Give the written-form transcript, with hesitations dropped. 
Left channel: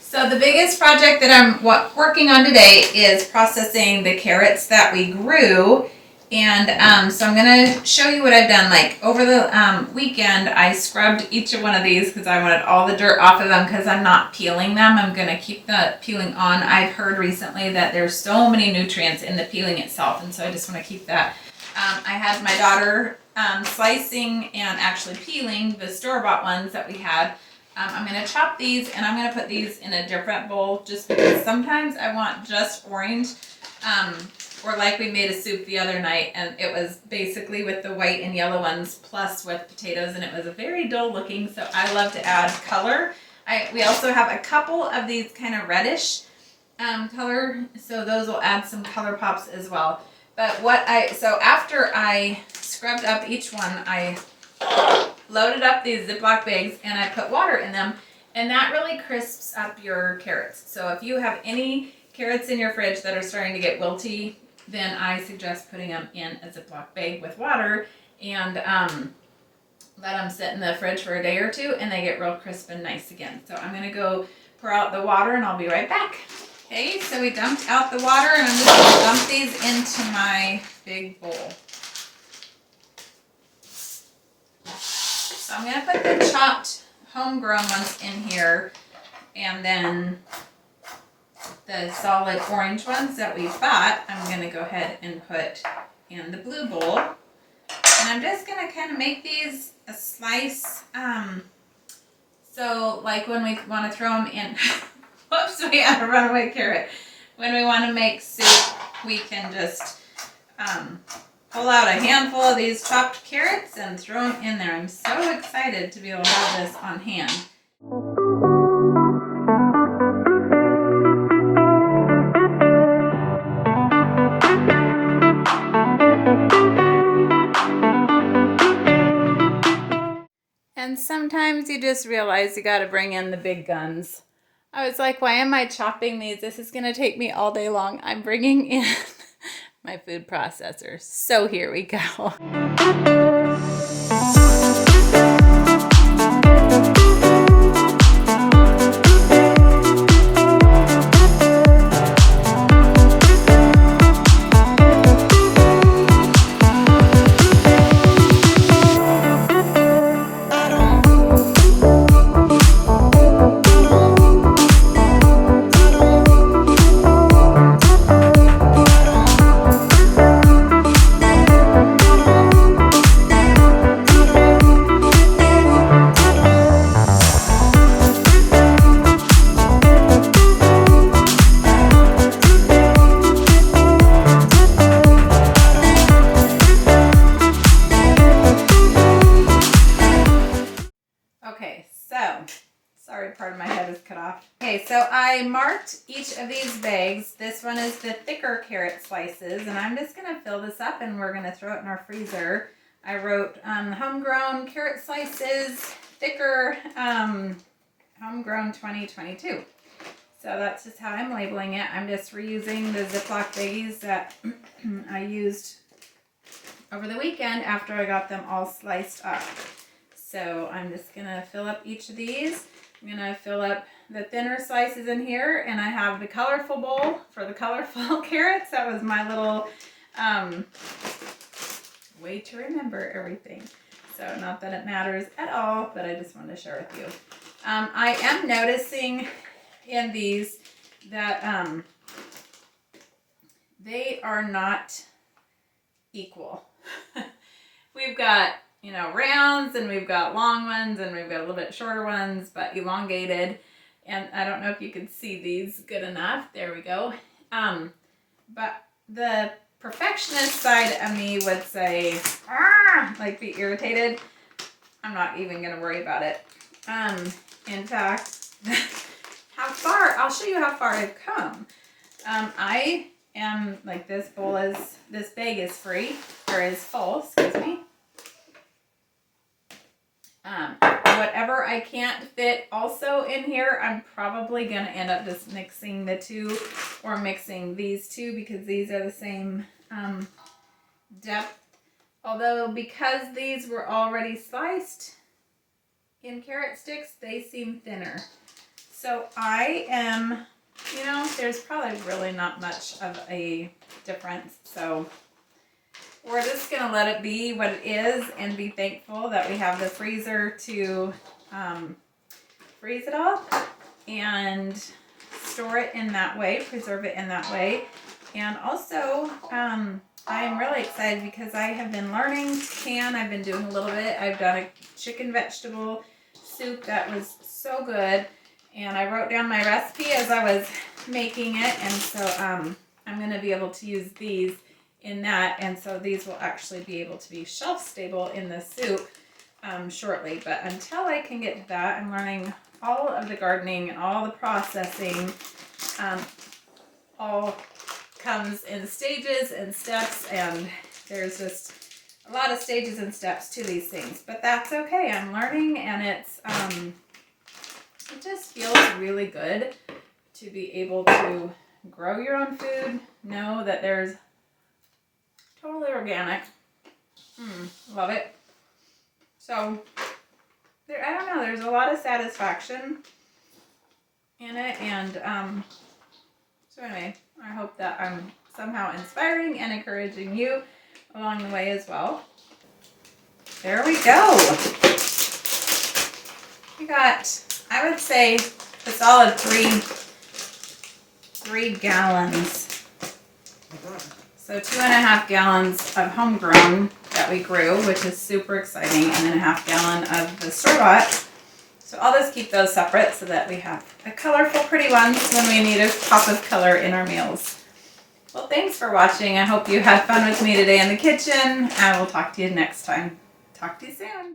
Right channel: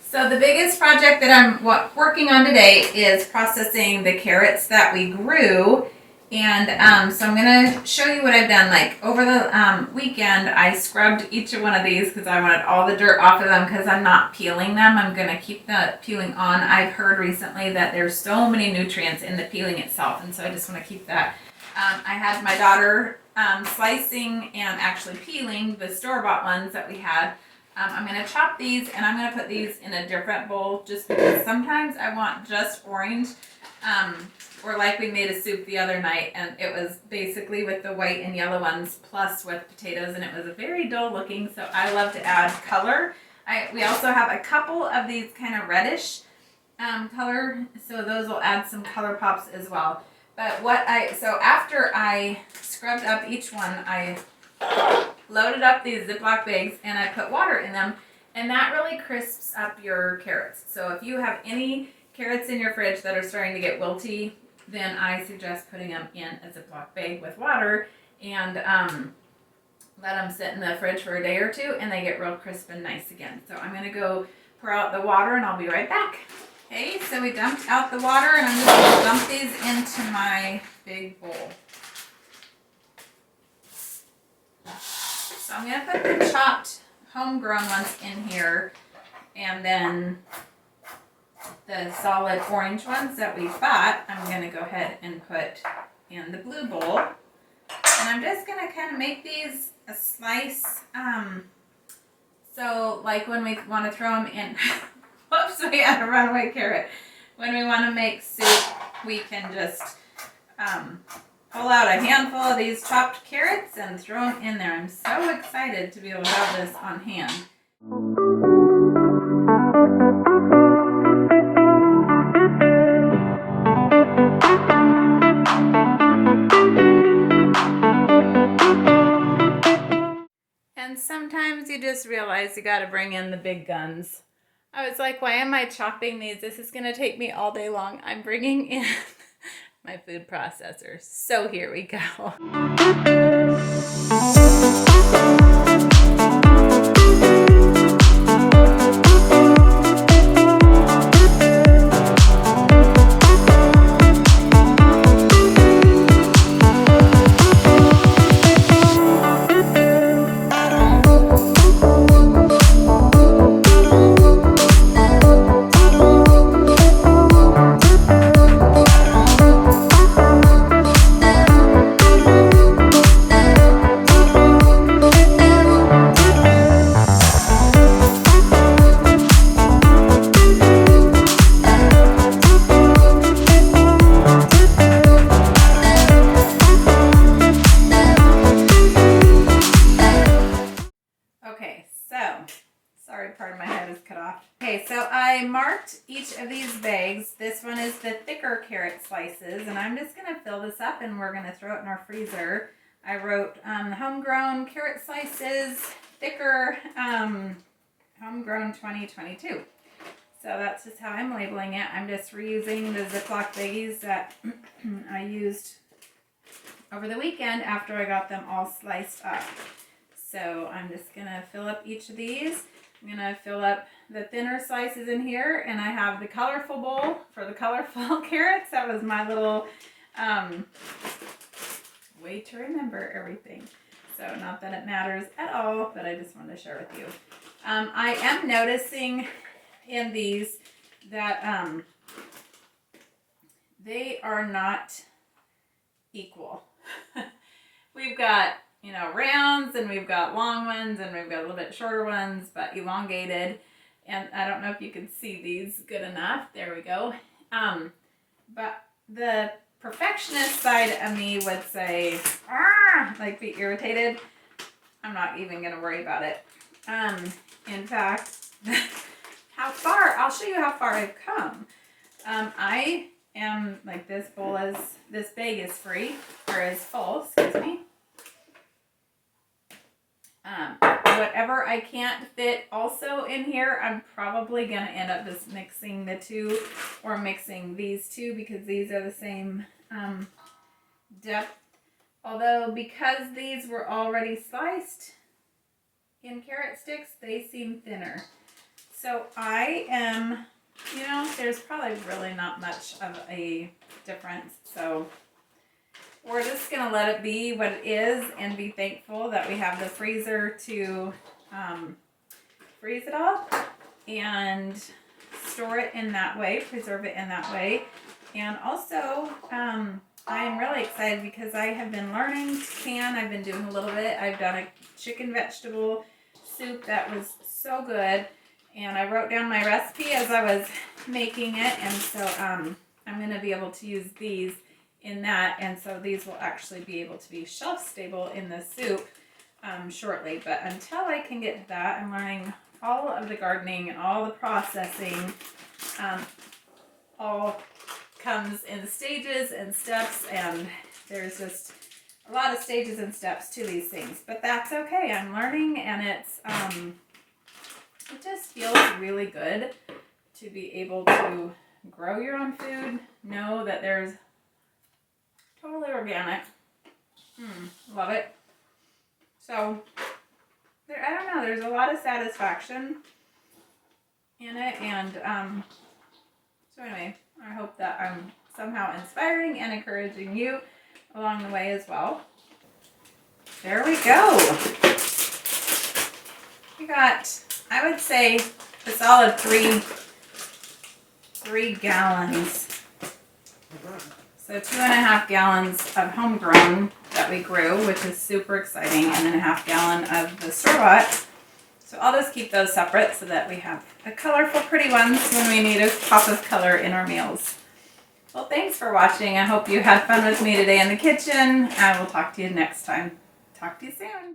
So the biggest project that I'm working on today is processing the carrots that we grew. And so I'm going to show you what I've done. Like over the weekend, I scrubbed each one of these because I wanted all the dirt off of them because I'm not peeling them. I'm going to keep the peeling on. I've heard recently that there's so many nutrients in the peeling itself, and so I just want to keep that. I had my daughter slicing and actually peeling the store-bought ones that we had. I'm going to chop these, and I'm going to put these in a different bowl just because sometimes I want just orange. Or like we made a soup the other night, and it was basically with the white and yellow ones plus with potatoes, and it was very dull looking, so I love to add color. We also have a couple of these kind of reddish color, so those will add some color pops as well. But so after I scrubbed up each one, I loaded up these Ziploc bags and I put water in them, and that really crisps up your carrots. So if you have any carrots in your fridge that are starting to get wilty, then I suggest putting them in a Ziploc bag with water and let them sit in the fridge for a day or two, and they get real crisp and nice again. So I'm going to go pour out the water, and I'll be right back. Okay, so we dumped out the water, and I'm just going to dump these into my big bowl. So I'm going to put the chopped homegrown ones in here, and then the solid orange ones that we bought, I'm going to go ahead and put in the blue bowl. And I'm just going to kind of make these a slice. So like when we want to throw them in, whoops, we had a runaway carrot. When we want to make soup, we can just pull out a handful of these chopped carrots and throw them in there. I'm so excited to be able to have this on hand. And sometimes you just realize you got to bring in the big guns. I was like, why am I chopping these? This is going to take me all day long. I'm bringing in my food processor. So here we go. Part of my head is cut off. Okay, so I marked each of these bags. This one is the thicker carrot slices, and I'm just going to fill this up and we're going to throw it in our freezer. I wrote homegrown carrot slices, thicker, homegrown 2022. So that's just how I'm labeling it. I'm just reusing the Ziploc baggies that I used over the weekend after I got them all sliced up. So I'm just going to fill up each of these. I'm going to fill up the thinner slices in here, and I have the colorful bowl for the colorful carrots. That was my little way to remember everything. So not that it matters at all, but I just wanted to share with you. I am noticing in these that they are not equal. We've got rounds, and we've got long ones, and we've got a little bit shorter ones, but elongated. And I don't know if you can see these good enough. There we go. But the perfectionist side of me would say, like be irritated. I'm not even going to worry about it. In fact, I'll show you how far I've come. I am, like, this bag is free, or is full, excuse me. Whatever I can't fit also in here, I'm probably going to end up just mixing the two, or mixing these two, because these are the same depth. Although, because these were already sliced, in carrot sticks, they seem thinner. So I am, there's probably really not much of a difference. So we're just going to let it be what it is and be thankful that we have the freezer to freeze it all and store it in that way, preserve it in that way. And also, I am really excited because I have been learning to can. I've been doing a little bit. I've done a chicken vegetable soup that was so good. And I wrote down my recipe as I was making it. And so I'm going to be able to use these in that. And so these will actually be able to be shelf stable in the soup shortly. But until I can get to that, I'm learning all of the gardening and all the processing. All comes in stages and steps, and there's just a lot of stages and steps to these things, but that's okay. I'm learning, and it's it just feels really good to be able to grow your own food, know that there's totally organic. Love it. So I don't know, there's a lot of satisfaction in it, and so anyway, I hope that I'm somehow inspiring and encouraging you along the way as well. There we go. We got, I would say, a solid 3 gallons. So 2.5 gallons of homegrown that we grew, which is super exciting, and then a half gallon of the store-bought. So I'll just keep those separate so that we have the colorful, pretty ones when we need a pop of color in our meals. Well, thanks for watching. I hope you had fun with me today in the kitchen. I will talk to you next time. Talk to you soon.